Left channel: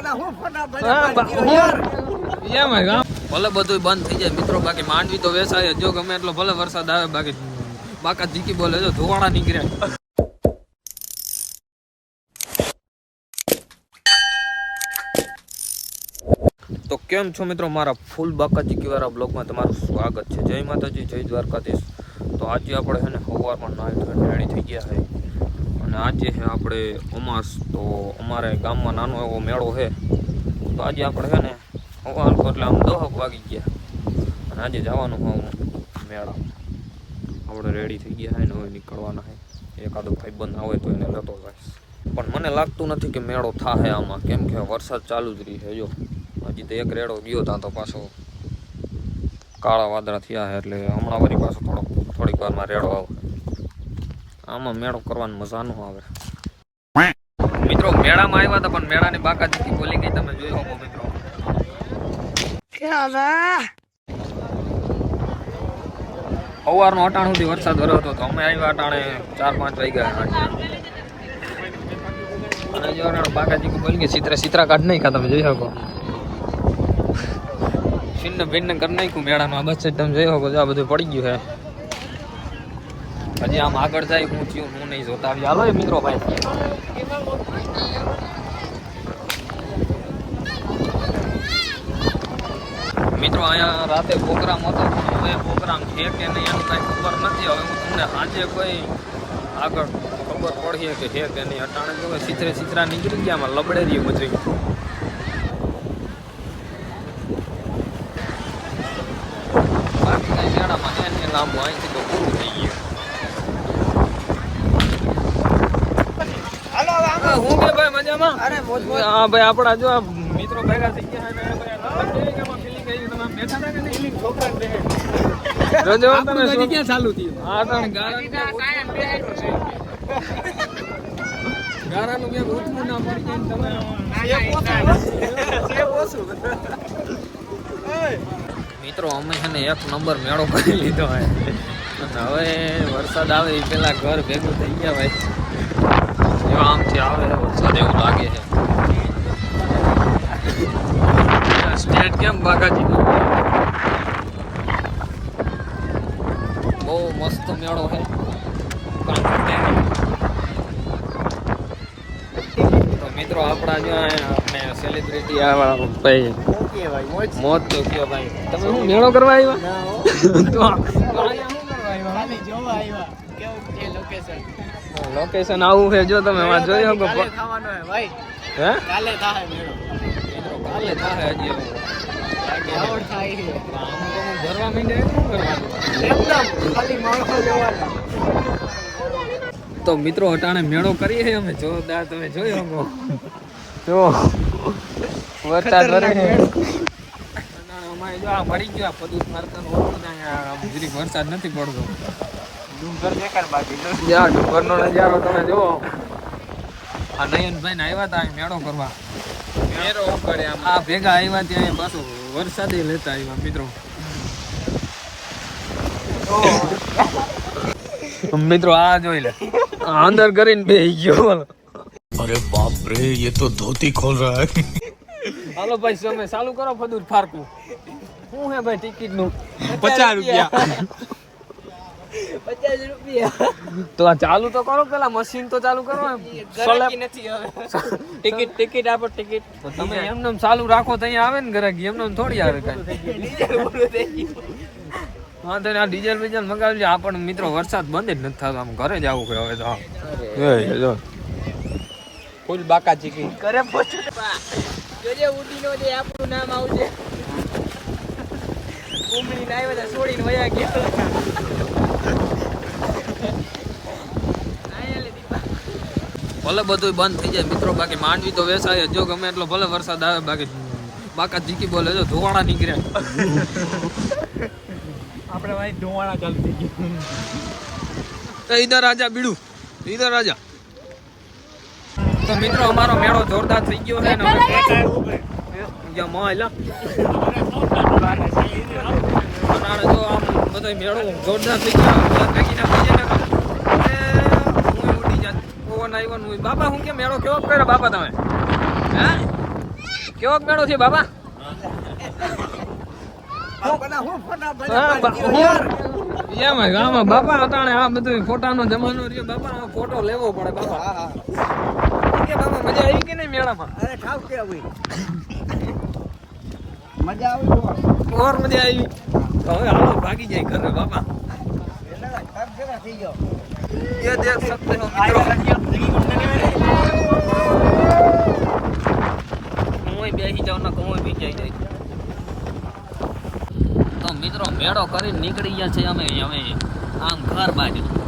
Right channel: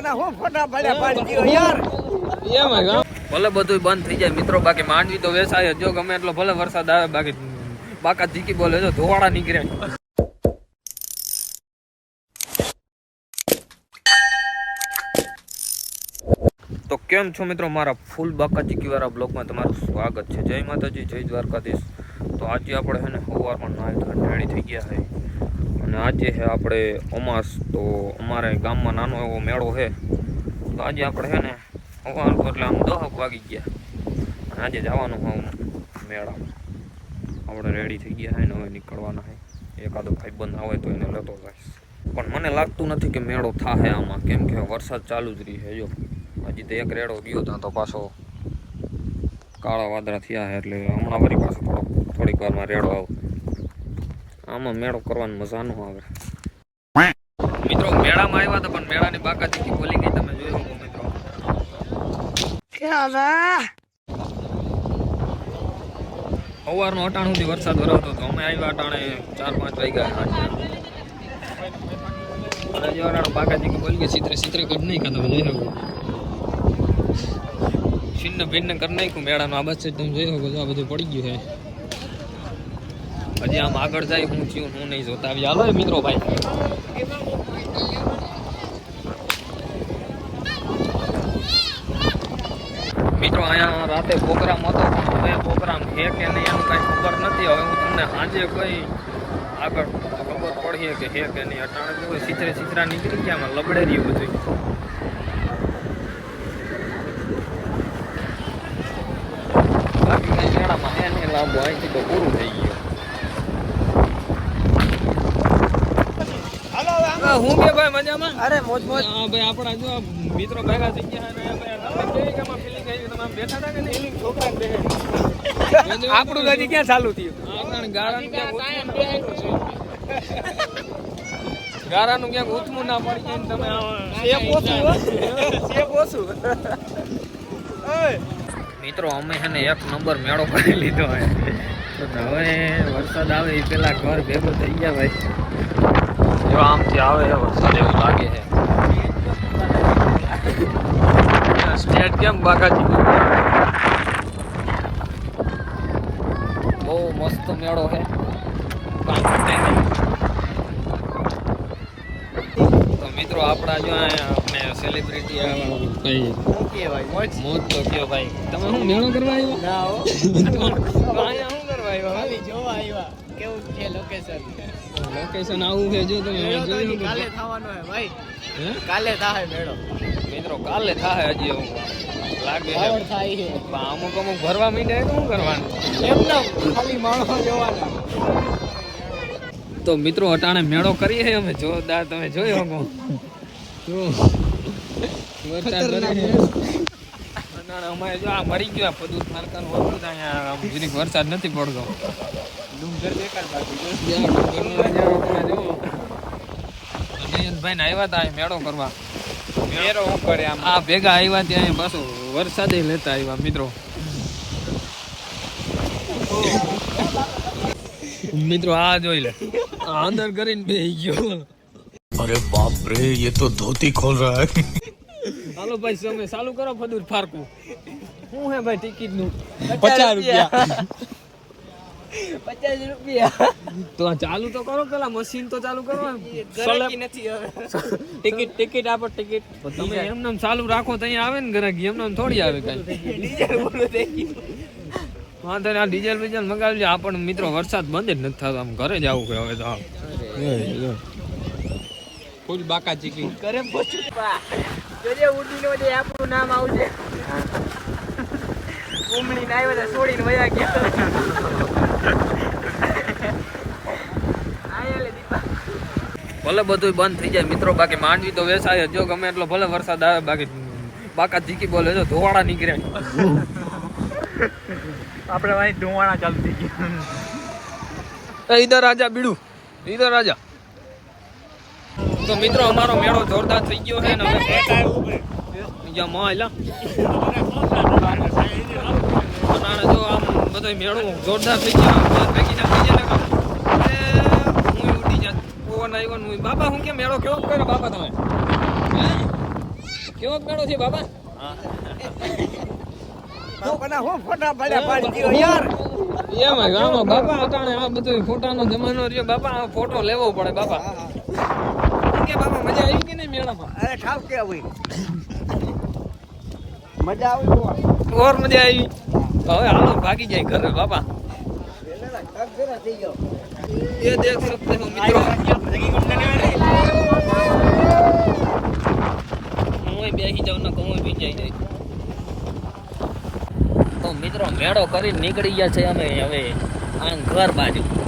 બધા હું ફોટા ભલે બધું બંધ થઈ જાય મિત્રો બાકી માંડવી તો વેસાય જો ગમે એટલો ભલે વરસાદ આવે બાકી બાકા જીકી બોલે જો ધોવાડા નીકળે તો કેમ છો મિત્રો મારા ફૂલ બાકા જીકી વાળા બ્લોગમાં તમારું સ્વાગત છે. જય માતાજી જય દ્વારકાધીશ. તો આજે આપણે છે ને સવારમાં નાઈ રેડી થઈ ગયા છે અને આજે છે આપણે અમાસ, તો અમારે ગામમાં નાનો એવો મેળો છે. તો આજે આપણે છે ને સવાર એટલે આમ દહક વાગી ગયા. અને આજે જવાનું હું મેળામાં. આપણે રેડી થઈ ગયા છે ને હવે નીકળવાના છે. એકાદો ભાઈબંધ આવે તો એને લેતો જાય. પણ મને લાગતું નથી કે મેળો થાય આમાં. કેમ કે વરસાદ ચાલુ જ રહી છે, જો. હજી તો એક રેડો ગયો ત્યાં તો પાછો કાળા વાદળા થયા એટલે હમણાં વળી પાછો થોડો થોડીક વારમાં રેડો આવે આમાં મેળો કરવાની મજા ન આવે. મિત્રો મેળામાં આવ્યા હતા પણ મેળાની બાકાજી બોલી ગઈ તમે જોઈ શકો મિત્રો? સવારનો અટાણ સુધી વરસાદ ભર્યો હતો તો અમે આવ્યા અટાણે ચાર પાંચ વાગ્યા આજે અને જો અટાણે બાકાજી બોલી ગઈ સિત્રા સિત્રા કાઢ નાખ્યા તમે જોઈ શકો. છિન્ન ભિન્ન કરી નાખ્યું મેળાનું. આ બસ તમે જોઈ શકો જો આ બધું પડી ગયું છે. હજી આમ આગળ જાય, હું થયું, હું નહીં જોતા. આવી હાલો મિત્રો ભાઈ. મિત્રો, અહીંયા રાતે પ્રોગ્રામ હતો હવે પ્રોગ્રામ છે કે નહીં એનું કાંઈ ખબર નથી. હવે તમને આજે કંઈ આગળ ખબર પડીએ કે હે કે નહીં. અટાણે જો સિત્રે સીતરા નીકળી ગયા, આમાં લબડે રહ્યું બધું. બાકી કાંઈ જણા કે લાંબુ અહીંથી તો પૂરું થઈ ગયું હાલો, હાલો, હાલો. હા, કે ભાઈ મજામાં અરે. હા ભાઈ આપણા જો આ મિત્રો ભેગા થઈ ગયા અને ભાઈ કેવી કે આમાં આવી? તમે બેઠા હતા કે નહીં? છોકરા જ બેઠા. જોજો આપણું ગાડી ક્યાં ચાલુ થયું હા તણ ગારાનું ક્યાંક ઉથમું ના પડે. ગારાનું ક્યાંક ઉથમું ના પડે એમ તમે મિત્રો અમે છે ને એક નંબર મેળો કરી લીધો હોય હવે વરસાદ આવે એ પેલા ઘર ભેગું થઈ ગયા ભાઈ જો આમથી આવે વરસાદ એવું લાગે છે. સ્ટેટ કેમ બાકાજી? બહુ મસ્ત મેળો છે. મિત્રો આપણા જો આપણે સેલિબ્રિટી આવા ભાઈ. મોત તો કયો ભાઈ. તમે શું મેળો કરવા આવ્યા? હો. તો કરવા આવ્યા? જોવા આવ્યા. કેવું છે લોકેશન લોકેશન આવું છે જો તમે વાત જોઈ શકો. કાલે થવાનો હે ભાઈ. હે? કાલે થાય મેળો. મિત્રો કાલે થાય હજી. લાગે છે. આવડ થાય છે. પણ અમુક અમુક ભરવા માંડ્યા શું કરવાનું? એમ ના ખાલી માણસો જવાના. તો મિત્રો અટાણે મેળો કરીએ અમે. જોરદાર તમે જોઈ શકો. જો વરસાદ વરે છે. અમારે જો આ મરી ગયો આ પદુત મારકાનું હતું ને અહીંયા આમ જરીક વરસાદ નથી પડતો. ડુંગર આ નયનભાઈ ને મિત્રો. આ જોઈ લે. અંદર કરીને બેહી ગયો અરે બાપરે એ તો ધોતી ખોલ રહ્યા હે. હાલો ભાઈ તમે ચાલુ કરો ફદુર ફારકું. શું હે ભાઈ ટિકિટનું પચાસ રૂપિયા. પચાસ રૂપિયા. તો આ ચાલુ તો કરો પેલા મશીન તો ચાલુ કરો એમ. નથી હવે. ટિકિટ ટિકિટ આપો ટિકિટ. તમે એમને ચાલુ રાખો તો અહીંયા આવે ને ગરાકી એમને થોડી આવે કઈ. વાંધો આ ડીઝલ બીઝલ મગાવજો. આ પણ મિત્રો વરસાદ બંધ જ નથી થતો. આમ ઘરે જ આવું હવે તો. ફૂલ બાકા ચીકી ઘરે પહોંચો. જોજે ઉડીને જે આપણું નામ આવશે ઉમડી ના આવ્યો તો છોડીને વયા ગયા. ભલે બધું બંધ થઈ જાય. મિત્રો બાકી માંડવી તો વેસાય જો. ગમે એટલો ભલે વરસાદ આવે બાકી બાકા જીકી બોલે જો ધોવાડા નીકળે. આપણે ભાઈ ધુવાણા ચાલુ થઈ ગયા. ઈધર રાજા બીડું. ઈધર રાજા. તો મિત્રો અમારો મેળો જોરદાર થઈ ગયો છે ને માં એલા જો આમ બધો મેળો જોરદાર થઈ ગયો ભેગી ના થઈ જાય ને કામ. એ પવન આવ્યો ને બાપા હું કે મેળો કેવો કર્યો બાપા તમે? હે? કેવો મેળો છે બાપા? અટાણે આ બધું ફોટાનો જમાનો રહ્યો. બાપા ફોટો લેવો પડે બાપા. કે બાપા મજા આવી કે નહીં મેળામાં? અરે કે મજા આવતી ઓર મજા આવી. હવે હાલો ભાગી જાય ઘરે બાપા. થઈ ये देख सकते हो मित्रों કુંવઈ બેસી જાવ ને કુંવઈ બી જાય તો મિત્રો મેળો કરીને નીકળી ગયા છે અમે હવે આમ ઘર બાજુ